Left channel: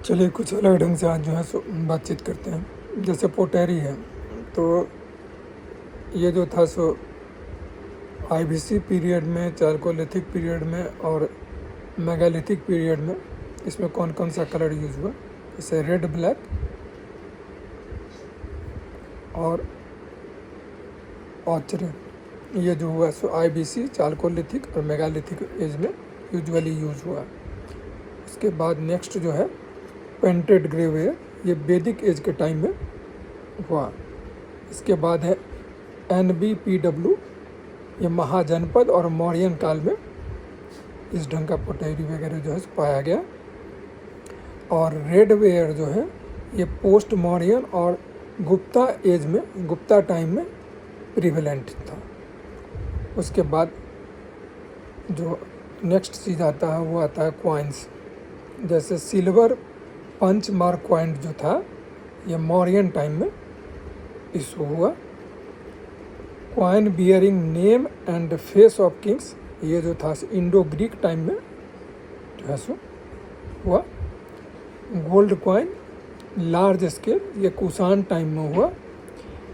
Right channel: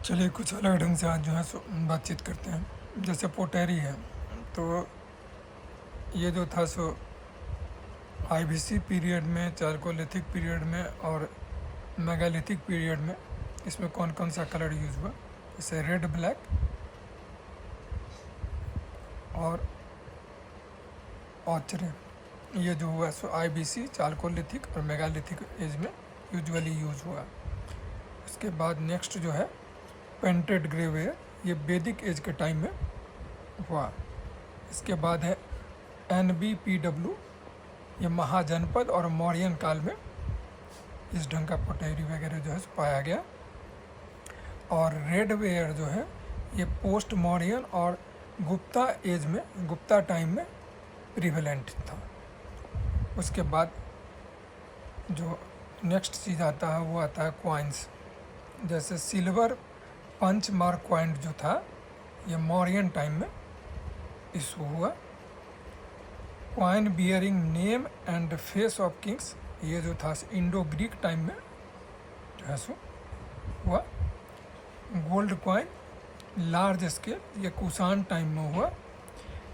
चलिए कुछ अलग ढंग से आज जो है सो बातचीत करते हैं। जैसे पोटेरी है, तो ये जो था सो आईबीसी पीरियड में, चारकोलिथिक पीरियड में और मेगालिथिक पीरियड में इसमें कौन कौन सा कलर यूज़ हुआ। जैसे रेड, ब्लैक और ऑचरे, ये जो हुआ सो आईबीसी, चारकोलिथिक और मेगालिथिक एज में यूजुअली यूज़ हुआ। उसके बाद नेक्स्ट जो है पेंटेड ग्रेवेयर, ये वैदिक एज के टाइम में हुआ। इसके बाद है NBPW, ये महाजनपद और मौर्यन काल में इस ढंग का पोटेरी वगैरह जो है पाया गया। और रेड वेयर जो है ये पोस्ट मौर्यन और गुप्ता एज में, गुप्ता टाइम में प्रिवेलेंट था। उसके बाद जो नेक्स्ट चीज़ आता है वो आता है क्वाइंस। जैसे सिल्वर पंच मार्क क्वाइन जो था ये मौर्यन टाइम में इशू हुआ। Coin bearing name and face of Kings, ये जो था इंडो ग्रीक टाइम में जो है सो हुआ। गोल्ड क्वाइन लार्ज स्केल, ये कुषाण टाइम में हुआ।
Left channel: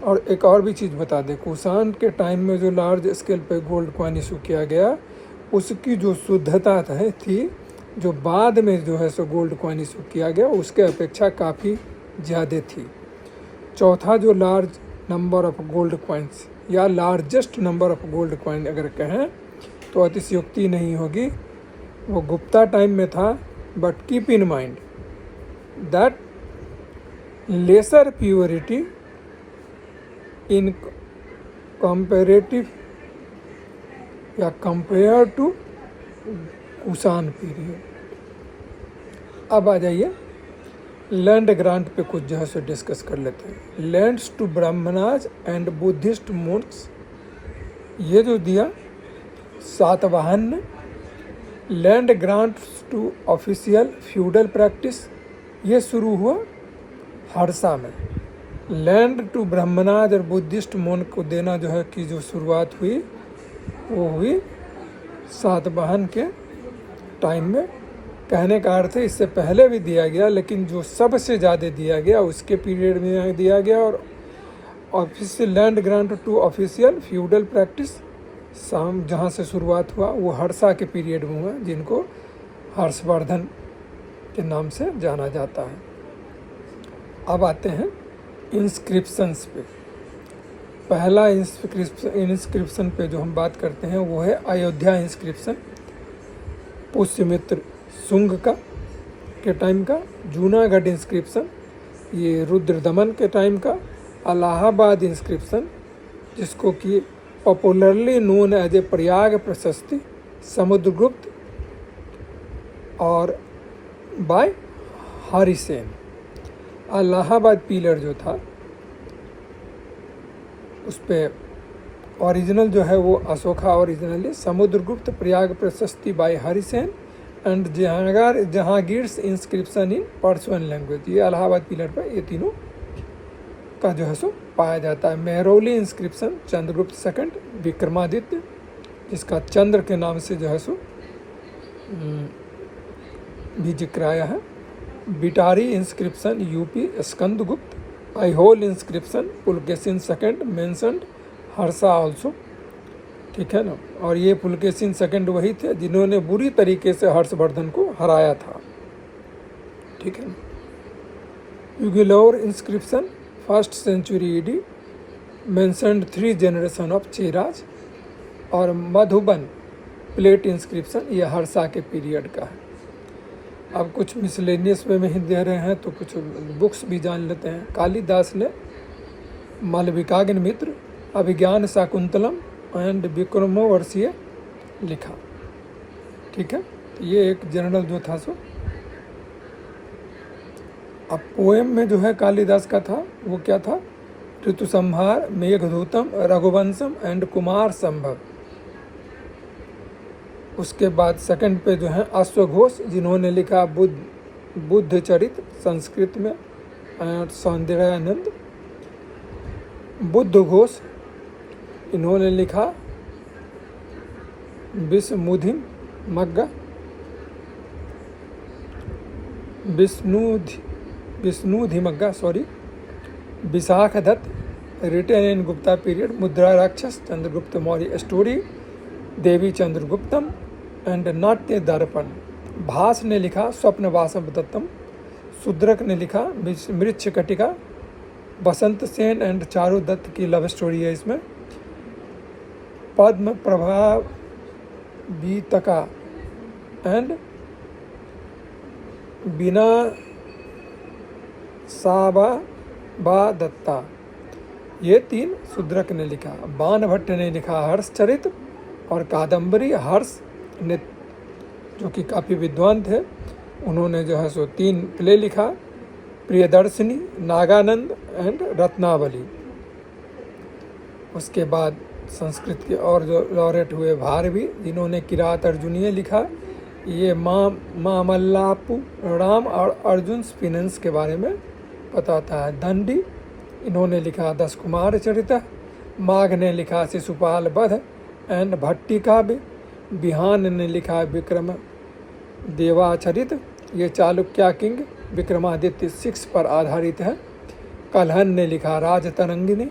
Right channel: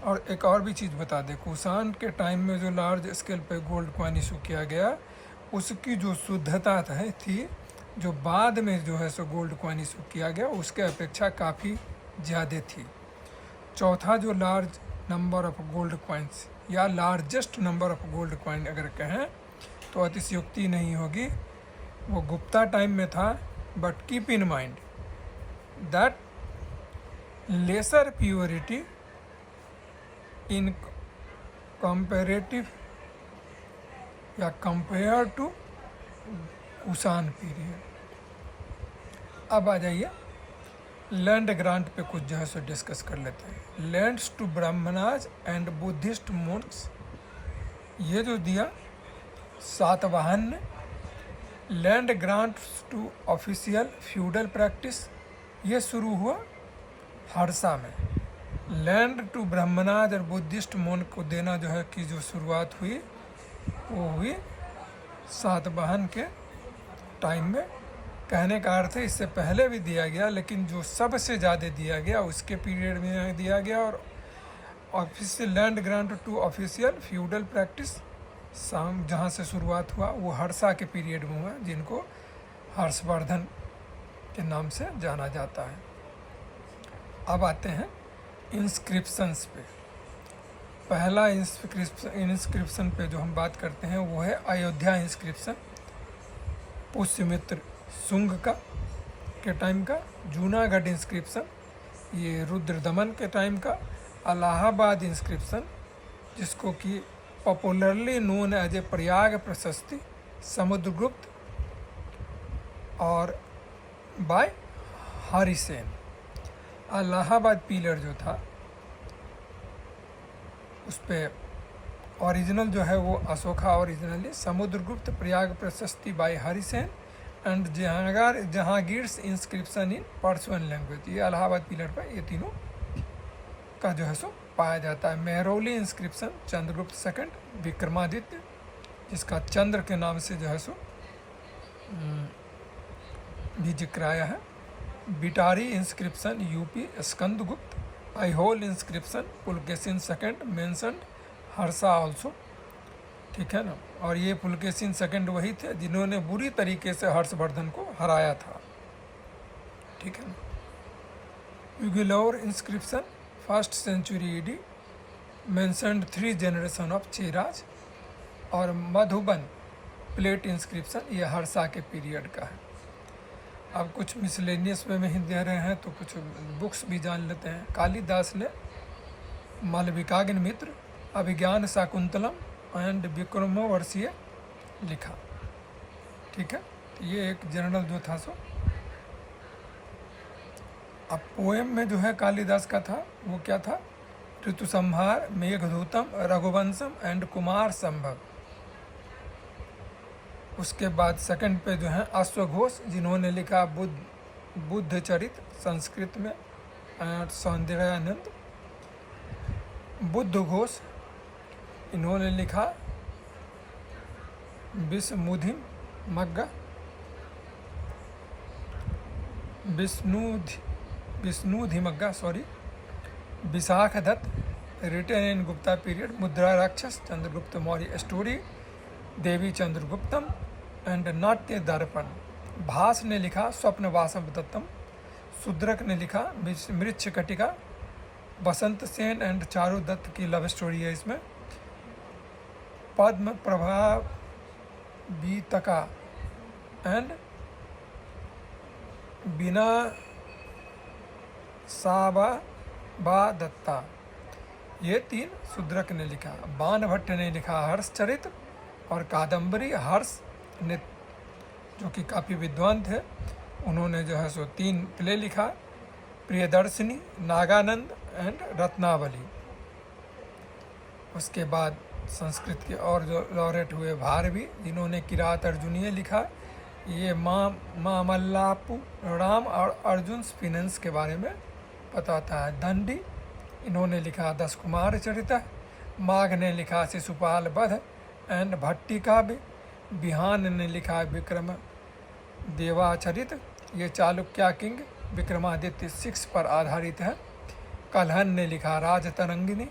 और एक और भी चीज़ बता दें, कुषाण के टाइम में जो लार्ज स्केल पे गोल्ड क्वाइन इशू किया गया उसकी जो शुद्धता थी जो बाद में जो है सो गोल्ड क्वाइन इशू किया गया उसके अपेक्षा काफ़ी ज़्यादा थी। चौथा जो large number of gold coins या largest number of gold coin अगर कहें तो अतिशयोक्ति नहीं होगी, वो गुप्ता टाइम में था। But keep in mind that lesser purity in comparative या कंपेयर टू कुषाण पीरियड। अब आ जाइए लैंड ग्रांट पे कुछ जो है सो डिस्कस कर लेते हैं। Lands to Brahmanas and Buddhist monks, ये जो दिया सातवाहन ने। Land grants to official feudal practice, ये शुरू हुआ हर्षा में। लैंड टू ब्राह्मणाज और बुद्धिस्ट मोन्क को देना जो है कि जो शुरुआत हुई वो हुई सातवाहन के टाइम में। कहने का अर्थ है इससे पहले भी दिया गया, लेकिन जो सबसे ज़्यादा दिया गया उसके पीरियड में दिया गया। और official land grant to official feudal practice जहाँ से शुरुआत हुआ वो हर्षा के पीरियड में हुआ, जिनको हर्षवर्धन के नाम से जाना जाता है। अब आते हैं इंस्क्रिप्शंस पे। पहला इंस्क्रिप्शन पे जो हम बात करते हैं वो है अयोध्या इंस्क्रिप्शन, पुष्यमित्र शुंग का के टाइम का। जूनागढ़ इंस्क्रिप्शन, ये रुद्रदमन के टाइम का। इलाहाबाद इंस्क्रिप्शन, जिसको कि popularly known as a Prayag Prashasti, Samudragupta और बाय हरिसेन। इलाहाबाद पिलर जो था उस पर ओरिजिनल जो है वो Ashoka originally, Samudragupta, Prayag Prashasti by Harisena and Jahangir's inscription in Persian language. ये इलाहाबाद पिलर पर ये तीनों का जो है सो पाया जाता है। मेहरौली इंस्क्रिप्शन चंद्रगुप्त सेकंड विक्रमादित्य, जिसका चंद्र के नाम से जो है सो भी जिक्र आया है। Bhitari inscription UP Skandagupta. Aihole inscription Pulakeshin second mentioned Harsha also, ठीक है ना। और ये पुलकेशिन सेकंड वही थे जिन्होंने बुरी तरीके से हर्षवर्धन को हराया था, ठीक है ना। युगलौर inscription first century AD mentioned 3 generation of Cheras. और मधुबन प्लेट इंस्क्रिप्शन ये हर्षा के पीरियड का है। अब कुछ मिसलेनियस में ही दे रहे हैं तो कुछ बुक्स भी जान लेते हैं। कालिदास ने मालविकाग्नि मित्र, अभिज्ञान शाकुंतलम एंड विक्रमोर्वशीय लिखा, ठीक है। ये एक जनरल जो था सो। अब पोएम में जो है कालिदास का था वो क्या था, ऋतुसंहार, मेघदूतम, रघुवंशम एंड कुमार संभव। उसके बाद सेकंड पे जो है अश्वघोष, जिन्होंने लिखा बुद्ध चरित संस्कृत में, सौंदर्यानंद। बुद्ध घोष, इन्होंने लिखा Visuddhimagga. Visuddhimagga Vishakhadatta, written in Gupta period, Mudrarakshasa, Chandragupta Maurya story, Devi Chandraguptam and Natya Darpana. भास ने लिखा स्वप्न वासव दत्तम, शूद्रक ने लिखा मृच्छकटिका, बसंत सेन एंड चारू दत्त की लव स्टोरी है इसमें। पद्म प्रभा बीतका एंड बिना साबा दत्ता, ये 3 शूद्रक ने लिखा। बाण भट्ट ने लिखा हर्षचरित और कादम्बरी। हर्ष ने जो कि काफ़ी विद्वान थे, उन्होंने जो है सो 3 प्ले लिखा, प्रियदर्शिनी, नागानंद एंड रत्नावली। उसके बाद संस्कृत के और जो लॉरेट हुए भारवी, जिन्होंने किरात अर्जुनीय लिखा, ये मामल्लापु राम और अर्जुन स्पिनेंस के बारे में बताता है। दंडी, इन्होंने लिखा 10 कुमार चरित। माघ ने लिखा शिशुपाल वध एंड भट्टी काव्य। बिहान ने लिखा विक्रम देवाचरित, ये चालुक्या किंग विक्रमादित्य 6 पर आधारित है। कल्हन ने लिखा राजतरंगिनी,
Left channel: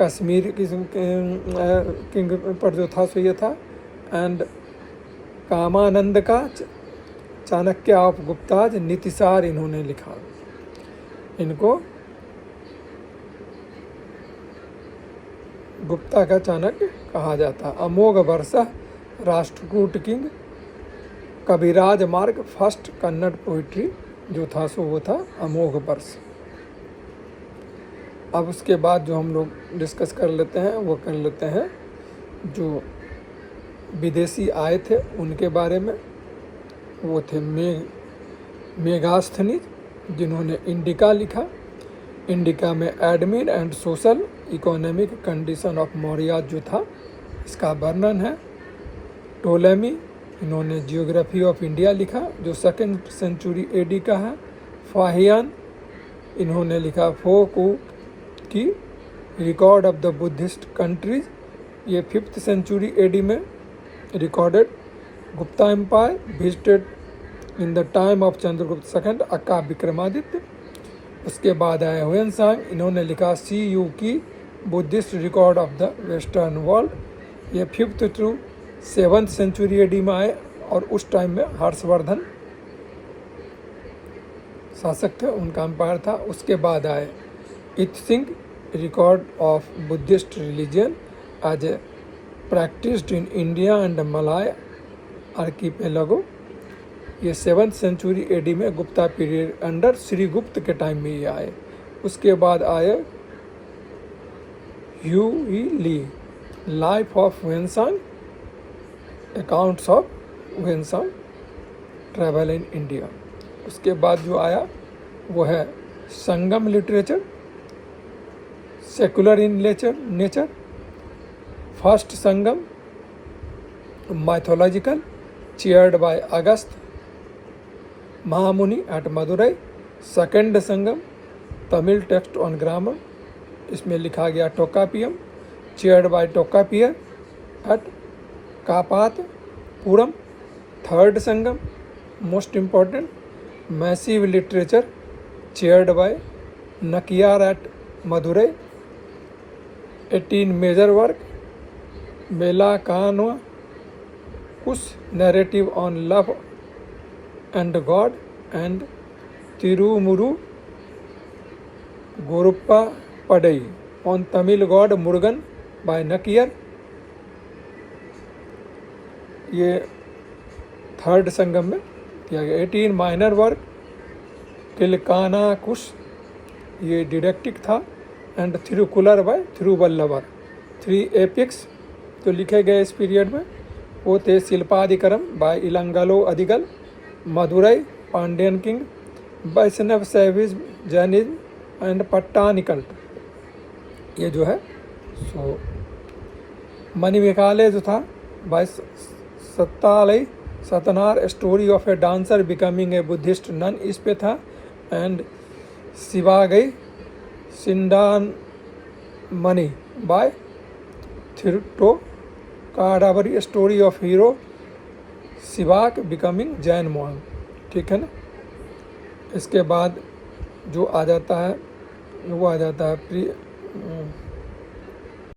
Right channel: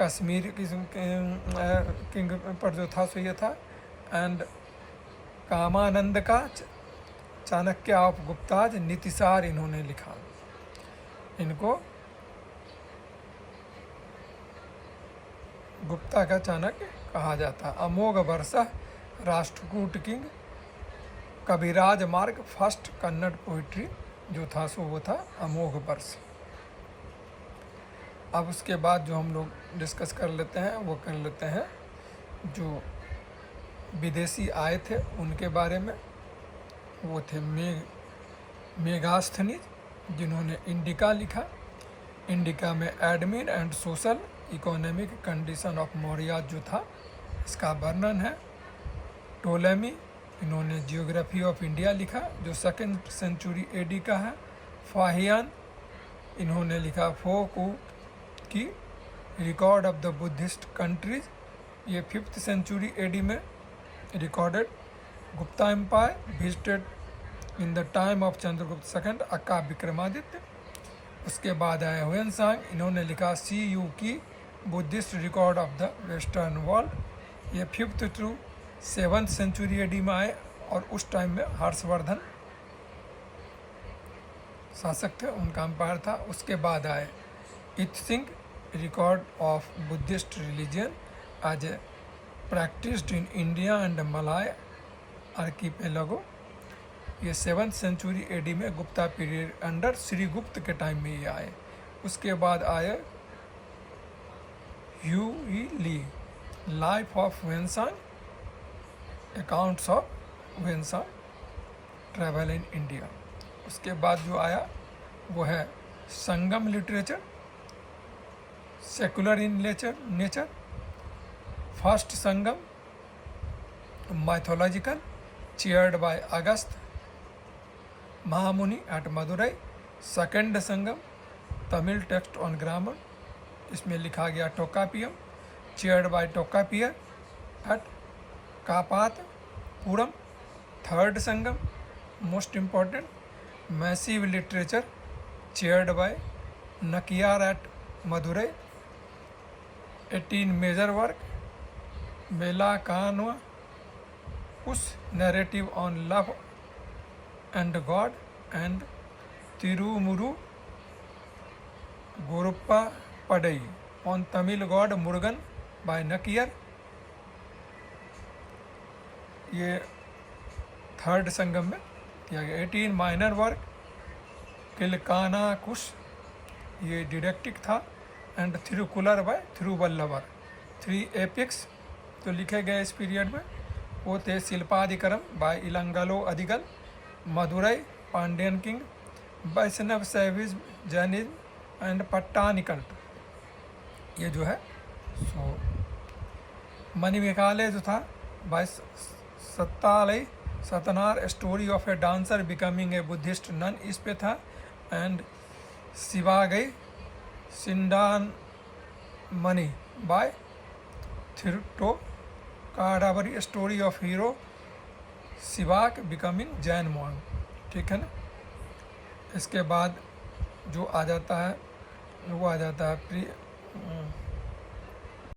कश्मीर किंग पर जो था सो ये था। एंड कामानंद का चाणक्य ऑफ गुप्ताज नीतिसार इन्होंने लिखा। इनको गुप्ता का चाणक्य कहा जाता। अमोघ वर्षा, राष्ट्रकूट किंग, कविराज मार्ग, फर्स्ट कन्नड़ पोइट्री जो था सो वो था अमोघ वर्ष। अब उसके बाद जो हम लोग डिस्कस कर लेते हैं वो कर लेते हैं जो विदेशी आए थे उनके बारे में। वो थे मेगास्थनीज, जिन्होंने इंडिका लिखा। इंडिका में admin and social economic condition of Maurya जो था इसका वर्णन है। टोलेमी, इन्होंने जियोग्राफी ऑफ इंडिया लिखा जो 2nd सेंचुरी एडी का है। फाहियान, इन्होंने लिखा फोकू की record of the Buddhist countries, ये 5th सेंचुरी एडी में recorded. Gupta empire visited in the time of Chandragupta second aka Vikramaditya. उसके बाद आए हुएनसांग, इन्होंने लिखा CU की Buddhist record of the western world, ये 5th to 7th century AD में आए और उस टाइम में हर्षवर्धन शासक थे, उनका एम्पायर था। उसके बाद आए Itsing, record of Buddhist religion as a practised in India and Malay archipelago, ये 7th सेंचुरी एडी में गुप्ता पीरियड अंडर श्री गुप्त के टाइम में ये आए। उसके बाद आए Hui Li, life of Xuanzang, accounts of Xuanzang, travel in India. उसके बाद जो आया वो है Sangam literature, secular in nature. First Sangam mythological, chaired by Agastya Mahamuni at Madurai. Second Sangam Tamil text on grammar, इसमें लिखा गया Tolkappiyam, chaired by Tolkappiyar at Kapatapuram. Third Sangam most important massive literature, chaired by Nakkirar at Madurai. 18 major work मेला कानवा कुश narrative on love and god and Thirumurugarruppadai on Tamil god Murugan by Nakkirar, ये third संगम में किया गया। 18 माइनर वर्क किलकाना कुश, ये डिडेक्टिक था and Thirukkural by Thiruvalluvar. 3 epics जो लिखे गए इस पीरियड में वो थे Silappatikaram by Ilango Adigal, Madurai Pandyan king, Vaishnava Saivism Jainism and Pattini cult, ये जो है सो मणिमेकालय जो था by Seethalai Sathanar, story of a dancer becoming a Buddhist nun, इस पे था। And Jivaka Chintamani by Tiruttakkadevar, story of hero Jivaka becoming Jain monk, ठीक है ना। इसके बाद जो आ जाता है वो आ जाता है